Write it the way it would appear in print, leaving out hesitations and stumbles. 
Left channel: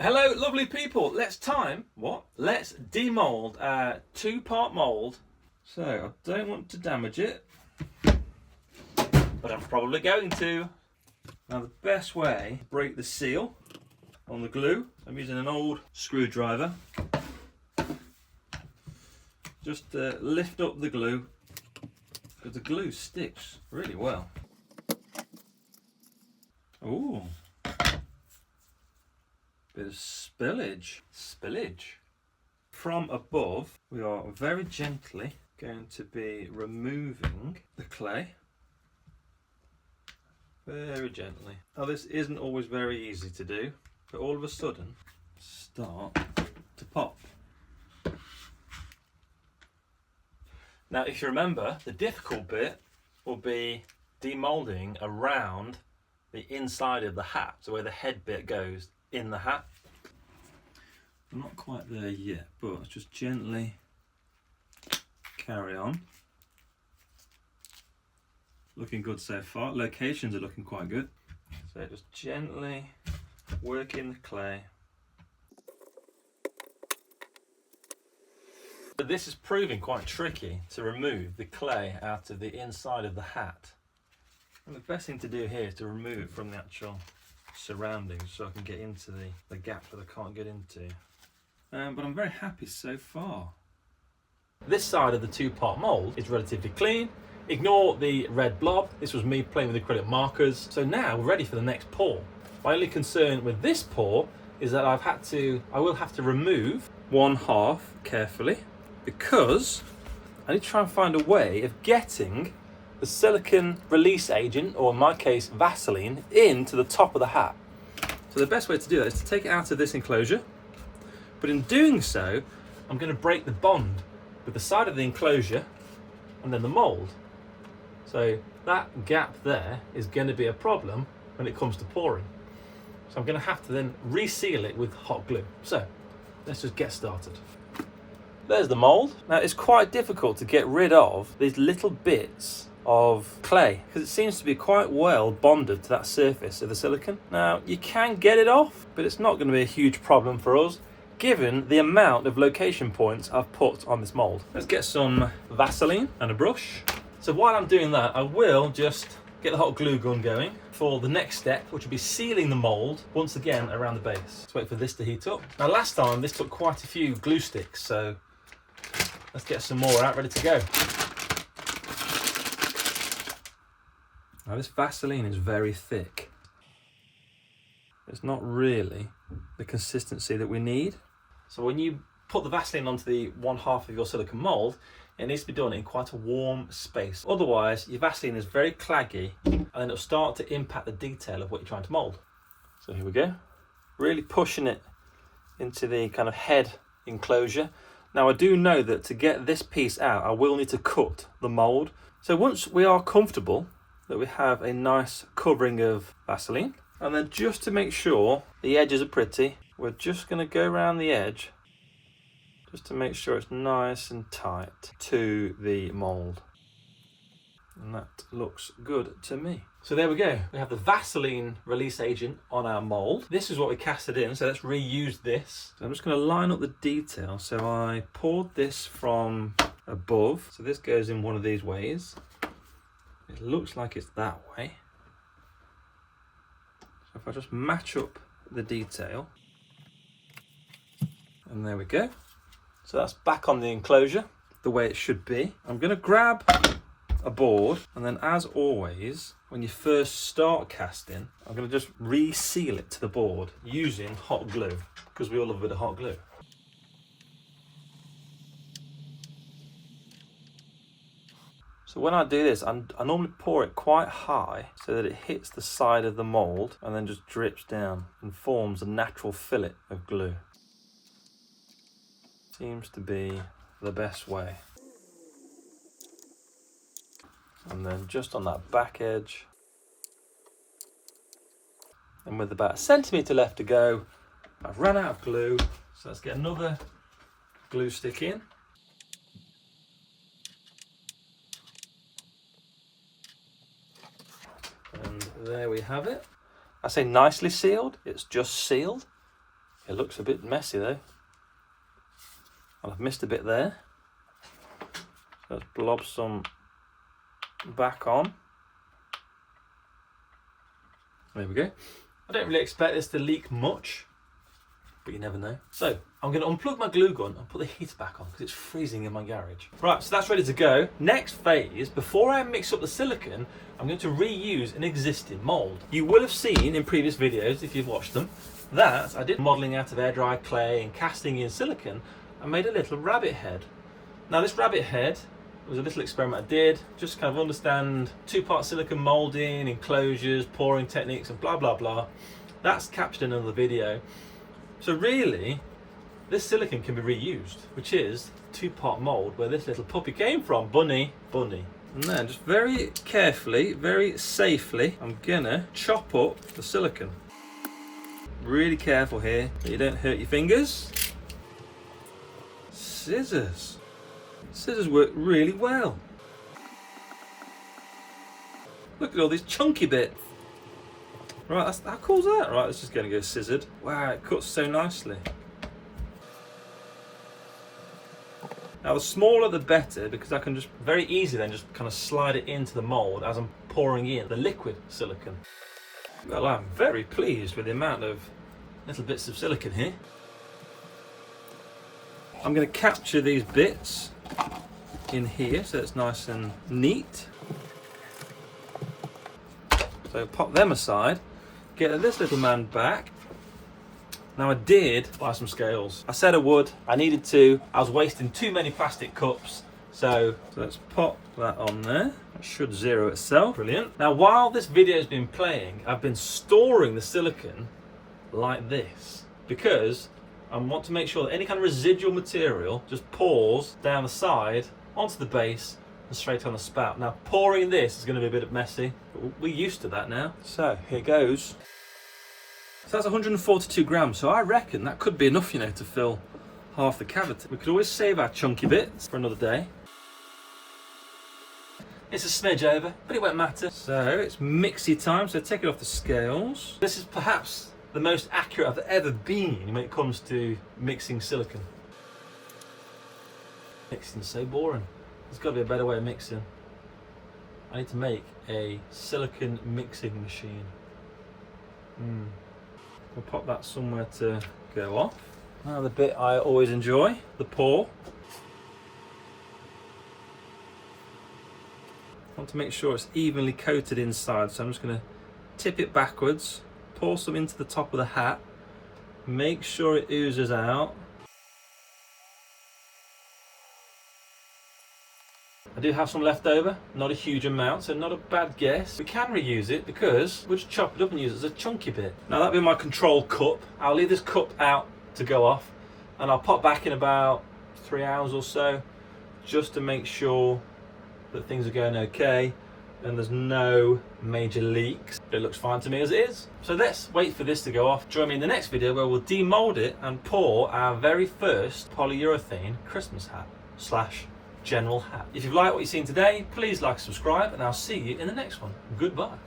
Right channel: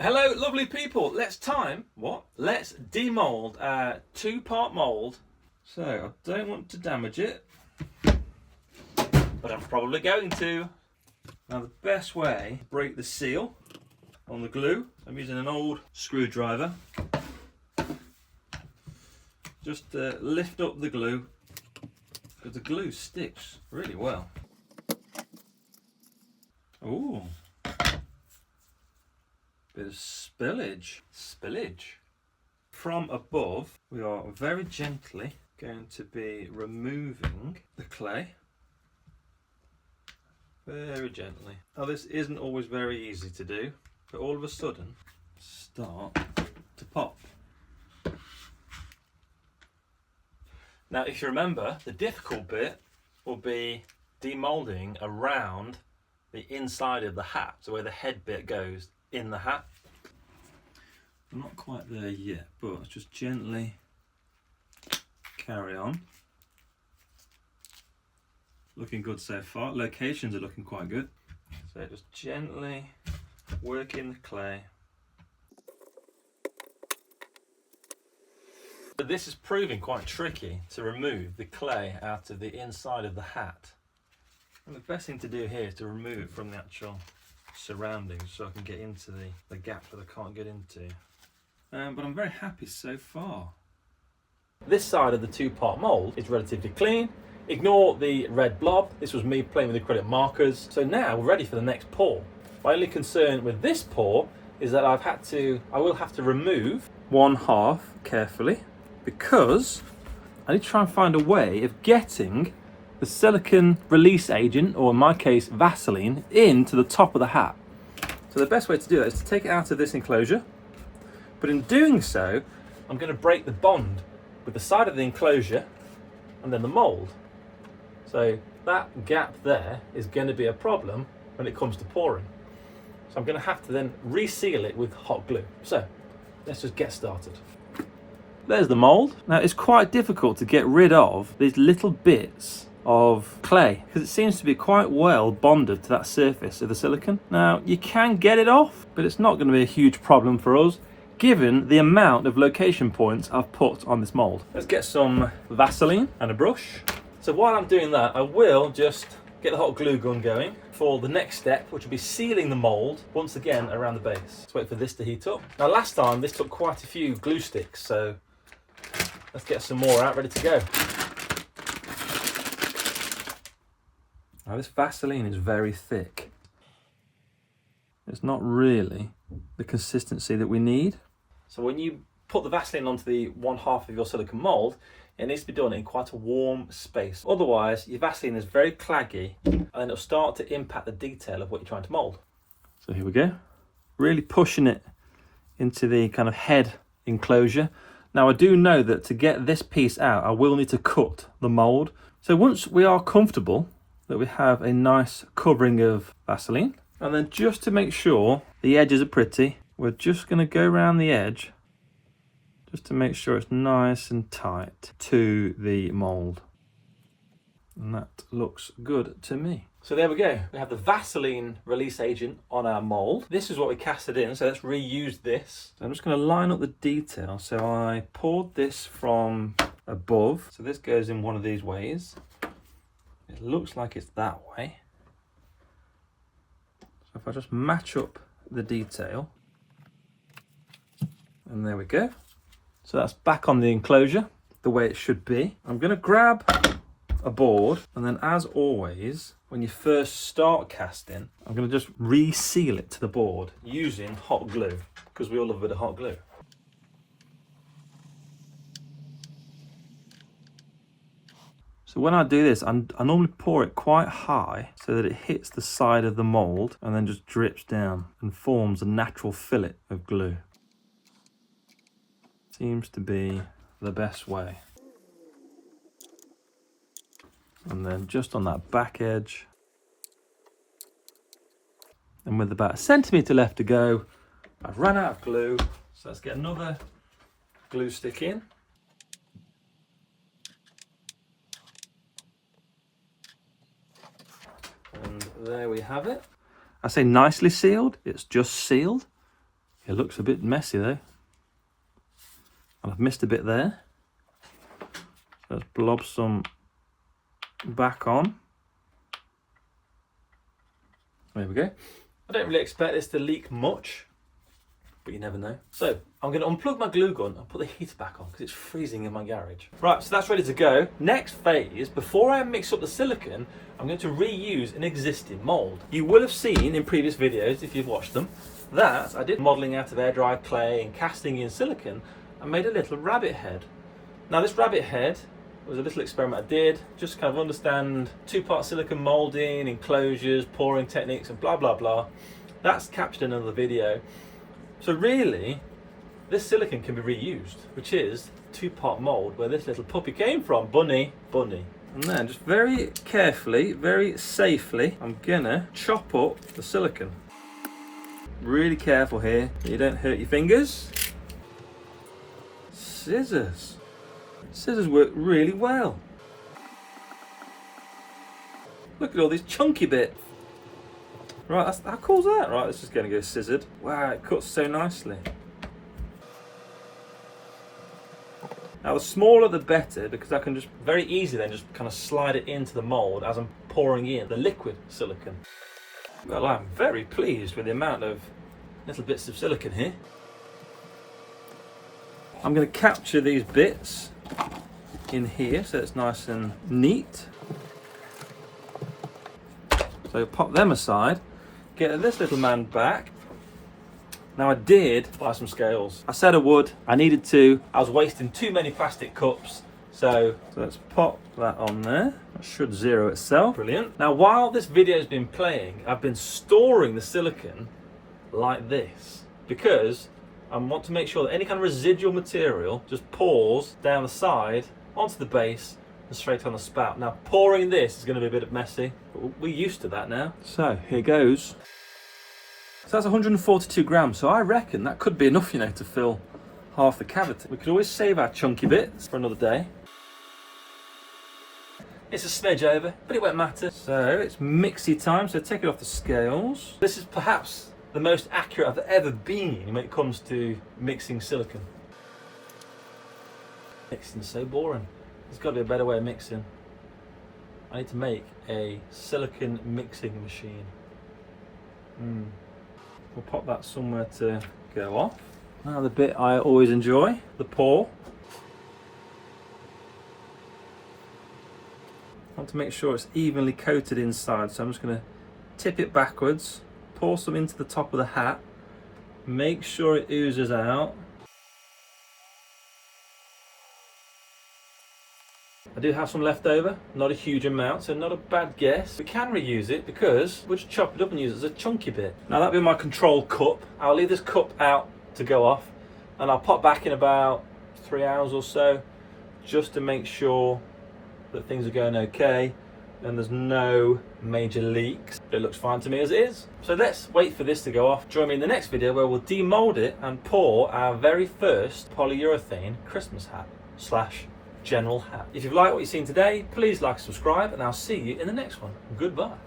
Hello, lovely people. Let's demold a two-part mould. So I don't want to damage it, but I'm probably going to. Now the best way to break the seal on the glue, I'm using an old screwdriver. Just lift up the glue, because the glue sticks really well. Ooh. Bit of spillage. From above, we are very gently going to be removing the clay. Very gently. Now this isn't always very easy to do, but all of a sudden, start to pop. Now if you remember, the difficult bit will be demoulding around the inside of the hat, so where the head bit goes in the hat. I'm not quite there yet, but just gently carry on. Looking good so far. Locations are looking quite good. So just gently work in the clay. But this is proving quite tricky to remove the clay out of the inside of the hat. And the best thing to do here is to remove it from the actual surroundings so I can get into the gaps that I can't get into. But I'm very happy so far. This side of the two-part mould is relatively clean. Ignore the red blob. This was me playing with acrylic markers. So now we're ready for the next pour. My only concern with this pour is that I will have to remove one half carefully, because I need to try and find a way of getting the silicone release agent, or in my case Vaseline, into the top of the hat. So the best way to do that is to take it out of this enclosure, but in doing so I'm going to break the bond with the side of the enclosure and then the mould. So that gap there is going to be a problem when it comes to pouring. So I'm going to have to then reseal it with hot glue. So let's just get started. There's the mould. Now it's quite difficult to get rid of these little bits of clay because it seems to be quite well bonded to that surface of the silicone. Now you can get it off, but it's not going to be a huge problem for us given the amount of location points I've put on this mould. Let's get some Vaseline and a brush. So while I'm doing that, I will just get the hot glue gun going for the next step, which will be sealing the mould once again around the base. Let's wait for this to heat up. Now last time this took quite a few glue sticks, so let's get some more out ready to go. Now this Vaseline is very thick. It's not really the consistency that we need. So when you put the Vaseline onto the one half of your silicone mould, it needs to be done in quite a warm space. Otherwise, your Vaseline is very claggy and then it'll start to impact the detail of what you're trying to mould. So here we go. Really pushing it into the kind of head enclosure. Now I do know that to get this piece out, I will need to cut the mould. So once we are comfortable that we have a nice covering of Vaseline, and then just to make sure the edges are pretty, we're just going to go around the edge just to make sure it's nice and tight to the mould. And that looks good to me. So there we go. We have the Vaseline release agent on our mould. This is what we casted in, so let's reuse this. So I'm just going to line up the detail. So I poured this from above. So this goes in one of these ways. It looks like it's that way. So if I just match up the detail, and there we go. So that's back on the enclosure the way it should be. I'm going to grab a board, and then as always, when you first start casting, I'm going to just reseal it to the board using hot glue, because we all love a bit of hot glue. So when I do this, I normally pour it quite high so that it hits the side of the mould and then just drips down and forms a natural fillet of glue. Seems to be the best way. And then just on that back edge, and with about a centimetre left to go, I've run out of glue, so let's get another glue stick in. And there we have it. I say nicely sealed, it's just sealed. It looks a bit messy though. I've missed a bit there. Let's blob some back on. There we go. I don't really expect this to leak much, but you never know. So I'm going to unplug my glue gun and put the heater back on because it's freezing in my garage. Right, so that's ready to go. Next phase, before I mix up the silicone, I'm going to reuse an existing mould. You will have seen in previous videos, if you've watched them, that I did modelling out of air dried clay and casting in silicone. I made a little rabbit head. Now this rabbit head was a little experiment I did, just to kind of understand two-part silicone moulding, enclosures, pouring techniques and blah blah blah. That's captured in another video. So really, this silicone can be reused, which is two-part mould where this little puppy came from, Bunny. And then just very carefully, very safely, I'm gonna chop up the silicone. Really careful here, so you don't hurt your fingers. Scissors. Scissors work really well. Look at all these chunky bits. Right, how cool is that? Right, this is going to go scissored. Wow, it cuts so nicely. Now the smaller the better, because I can just very easily then just kind of slide it into the mould as I'm pouring in the liquid silicone. Well, I'm very pleased with the amount of little bits of silicone here. I'm going to capture these bits in here so it's nice and neat. So pop them aside, get this little man back. Now I did buy some scales. I said I would, I needed to. I was wasting too many plastic cups. So let's pop that on there. That should zero itself. Brilliant. Now while this video has been playing, I've been storing the silicone like this because I want to make sure that any kind of residual material just pours down the side onto the base and straight on the spout. Now pouring this is going to be a bit messy, but we're used to that now. So here goes. So that's 142 grams, so I reckon that could be enough, you know, to fill half the cavity. We could always save our chunky bits for another day. It's a smidge over, but it won't matter. So it's mixy time, so take it off the scales. This is perhaps the most accurate I've ever been when it comes to mixing silicone. Mixing's so boring. There's got to be a better way of mixing. I need to make a silicone mixing machine. We'll pop that somewhere to go off. Now the bit I always enjoy, the pour. I want to make sure it's evenly coated inside, so I'm just going to tip it backwards, pour some into the top of the hat, make sure it oozes out. I do have some left over, not a huge amount, so not a bad guess. We can reuse it because we'll just chop it up and use it as a chunky bit. Now that'll be my control cup. I'll leave this cup out to go off and I'll pop back in about 3 hours or so just to make sure that things are going okay and there's no major leaks. It looks fine to me as it is. So let's wait for this to go off. Join me in the next video where we'll demold it and pour our very first polyurethane Christmas hat / general hat. If you've liked what you've seen today, please like and subscribe, and I'll see you in the next one. Goodbye.